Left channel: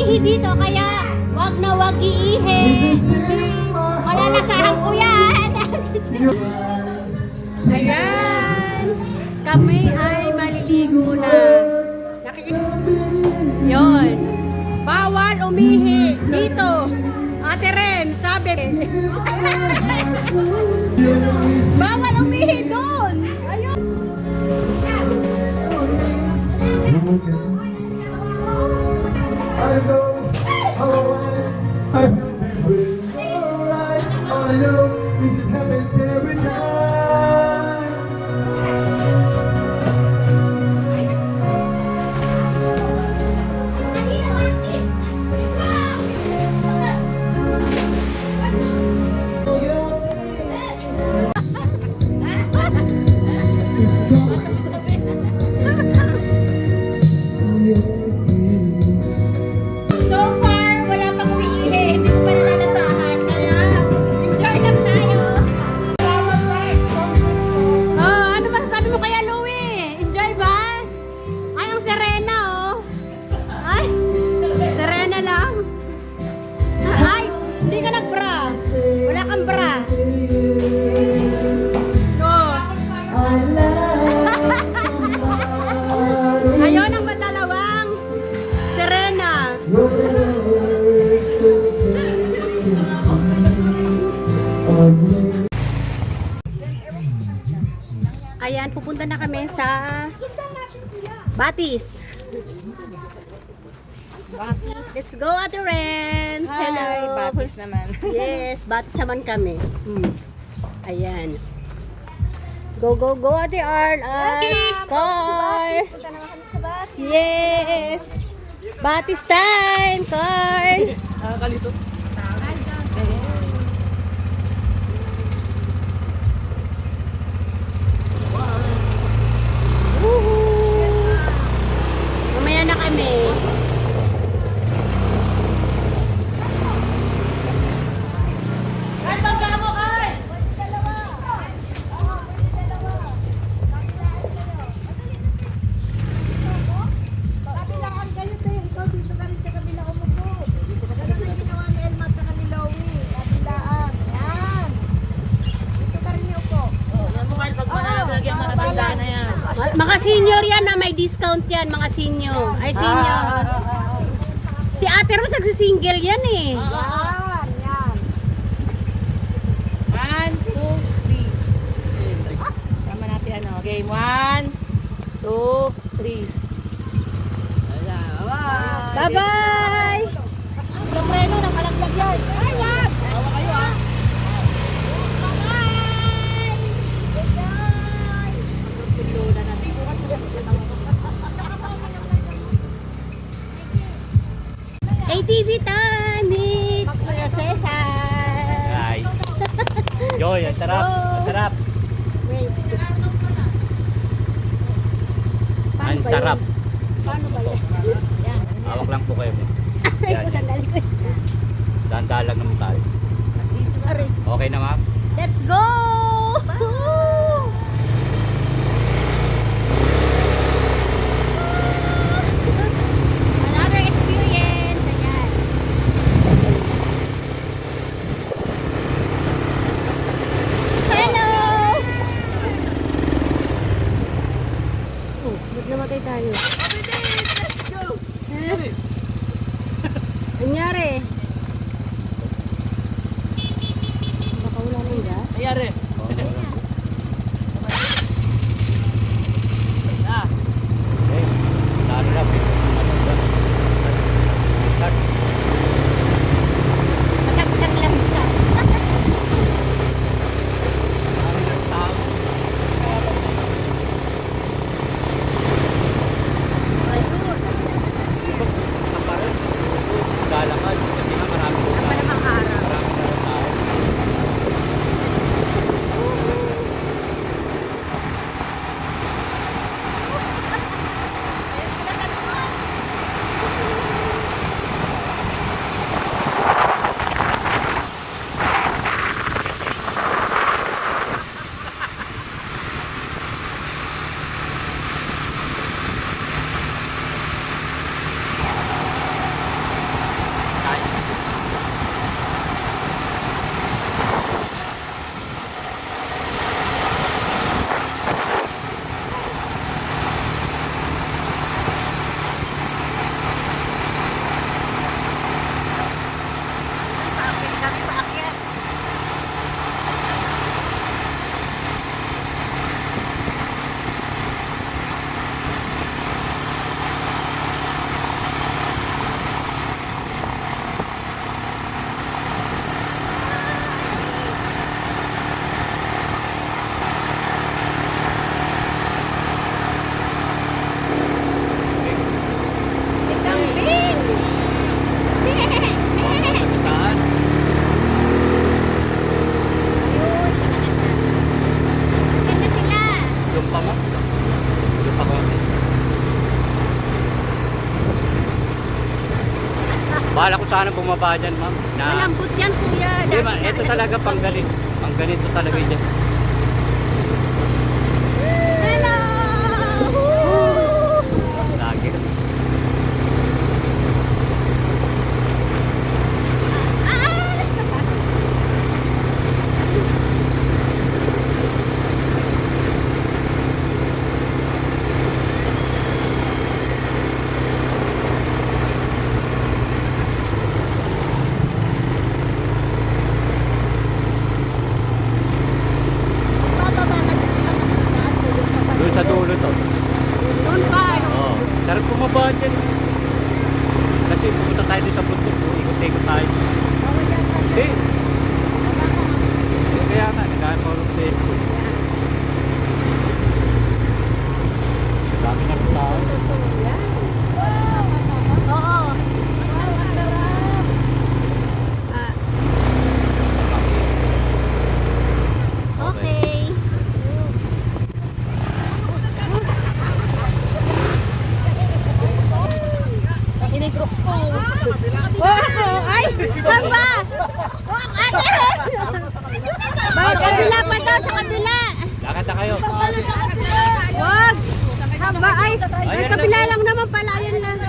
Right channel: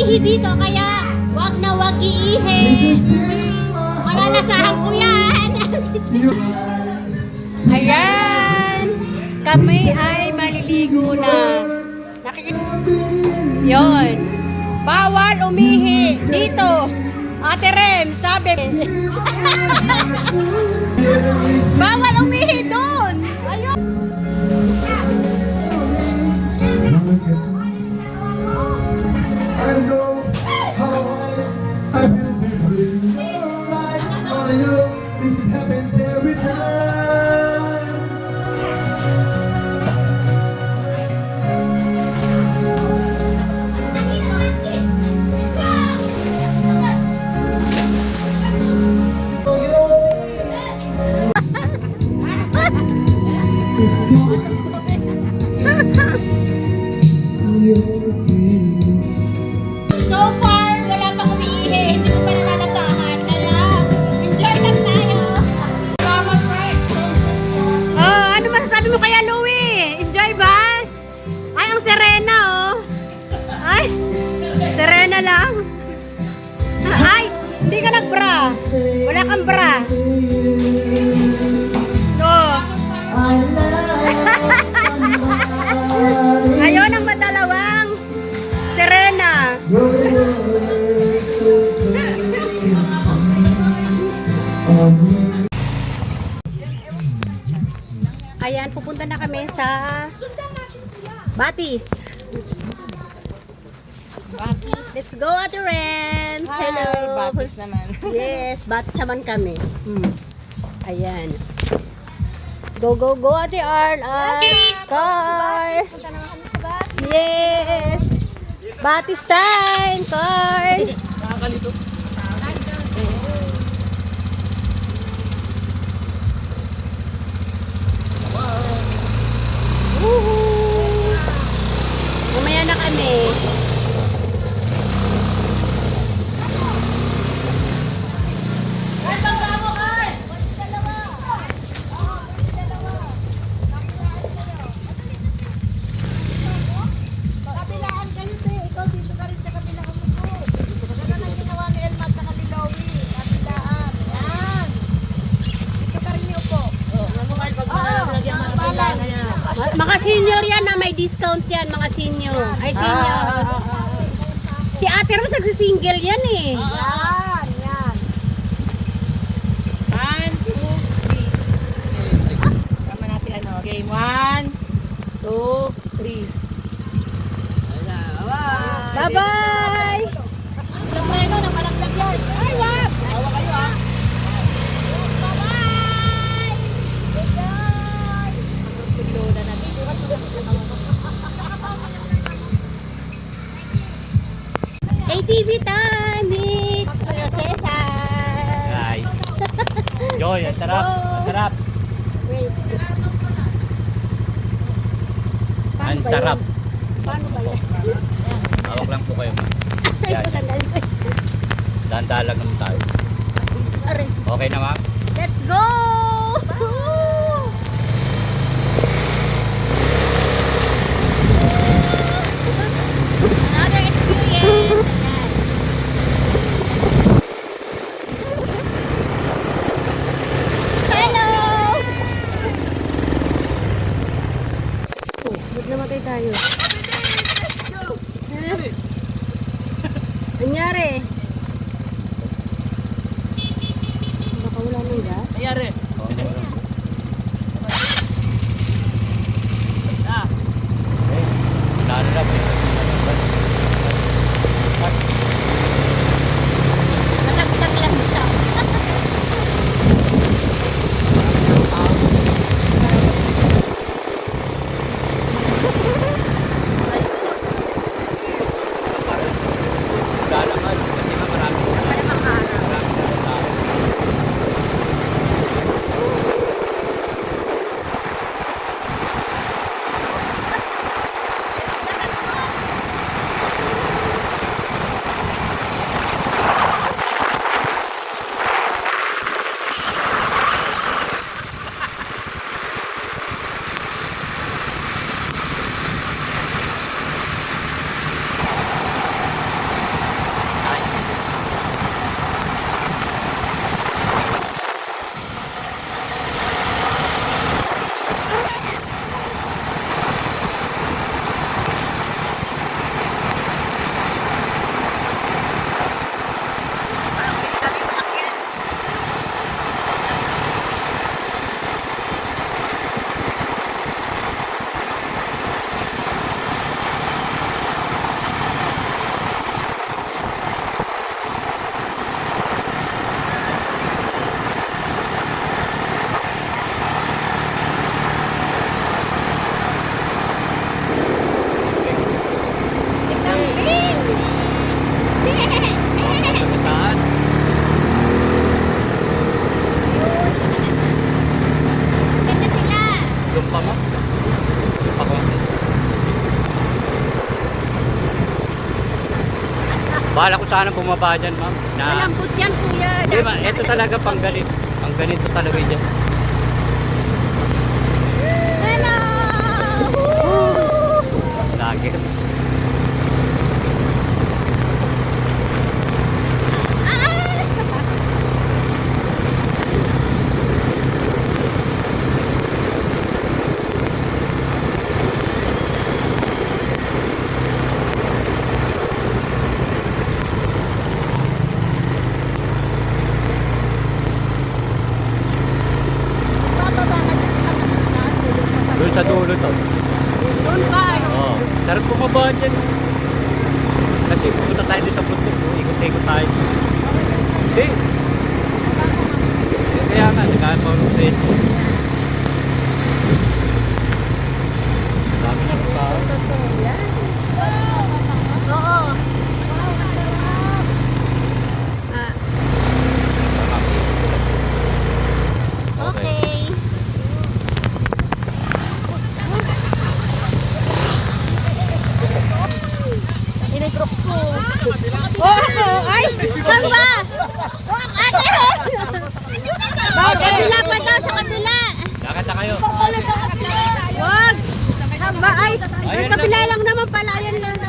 umihi dito, kaya wag na wag iihi. Malalasahan ko yan. Ayan. Kami ay maliligo na. Yon. Bawal umihi dito. Ate Rem, sabi. Bawal umihi doon. Ayun. So far, wala pang umiihi. Hindi ko pa nalalasahan. Kaya, enjoy lang tayo. Oh, ano masasabi mo kaya, Louie? Enjoy ba? Ay, ang Serena, oh. Ay, Serena lang. Ay, hindi ka nag-bra. Wala kang bra. Oh. Ayun ang madalawang Serena. Ayan, pupunta na kami sa Batis. Let's go, Ate Ren. Hello. Batis naman. Yes, Batis naman kami. Ayan. Go, go, go, Ate Arl. Car. Yes. Batis time, Carl. Woohoo! Mamaya na kami. Mga senior yan na may discount yan, mga senior. Ay, senior. Si Ate Rose nagsisingle yan eh. Yan, yan. 1, 2, 3. Tama natin ano. Okay, 1, 2, 3. Bye-bye! Preno, nakalaglag yan. Ay, wag! Tawa kayo ha. KTV time with Kuya Cesar. Ay. Joy, ang sarap. Ang sarap. Wait. Ang sarap. Paano ba yan? Hawak lang po kayo. Ay, ko sandali. Dahan-dahan lang naman tayo. Aray. Okay na, ma'am? Let's go! Another experience. Ayan. Hello! Oh, ba't namatay tayo? Anyari? Baka wala nang gas? Nangyari. Okay. Lalo na, dito. Natagtag lang siya. pa ma'am. Ito pa ko. Bahala ko sana bumaba dyan ma'am. Malambot yan, kuya. Di ba, Dati nga ito talaga nalambot pang kami. ganito. Pang ganito talaga dyan. Hello! Lagi. Magbababa ka dyan, saan naman ang daan mo yung patag. Doon sa dulo to. Doon pa. Oo. Sarap bumaba dyan. Oh. Kasi pumunta tayo dito sa bundok. Oh. Ikot-ikot tayo. Bawal yan ka Hindi. Baba ka, ma'am. Kaya nga. Kaya pa rin Facebook. Dami na rin tao. Totoo yan. Oo. Wow, ang sarap. Ah, Tama. okay. Ini crooks ko. Oh, ay! Saan ba? Oh, ate! Bakit? Kabila pa daw sa kabila. Lakad na kayo. Wag! Haba, ay! Ay, kabila lang naman pala. Ayan lang.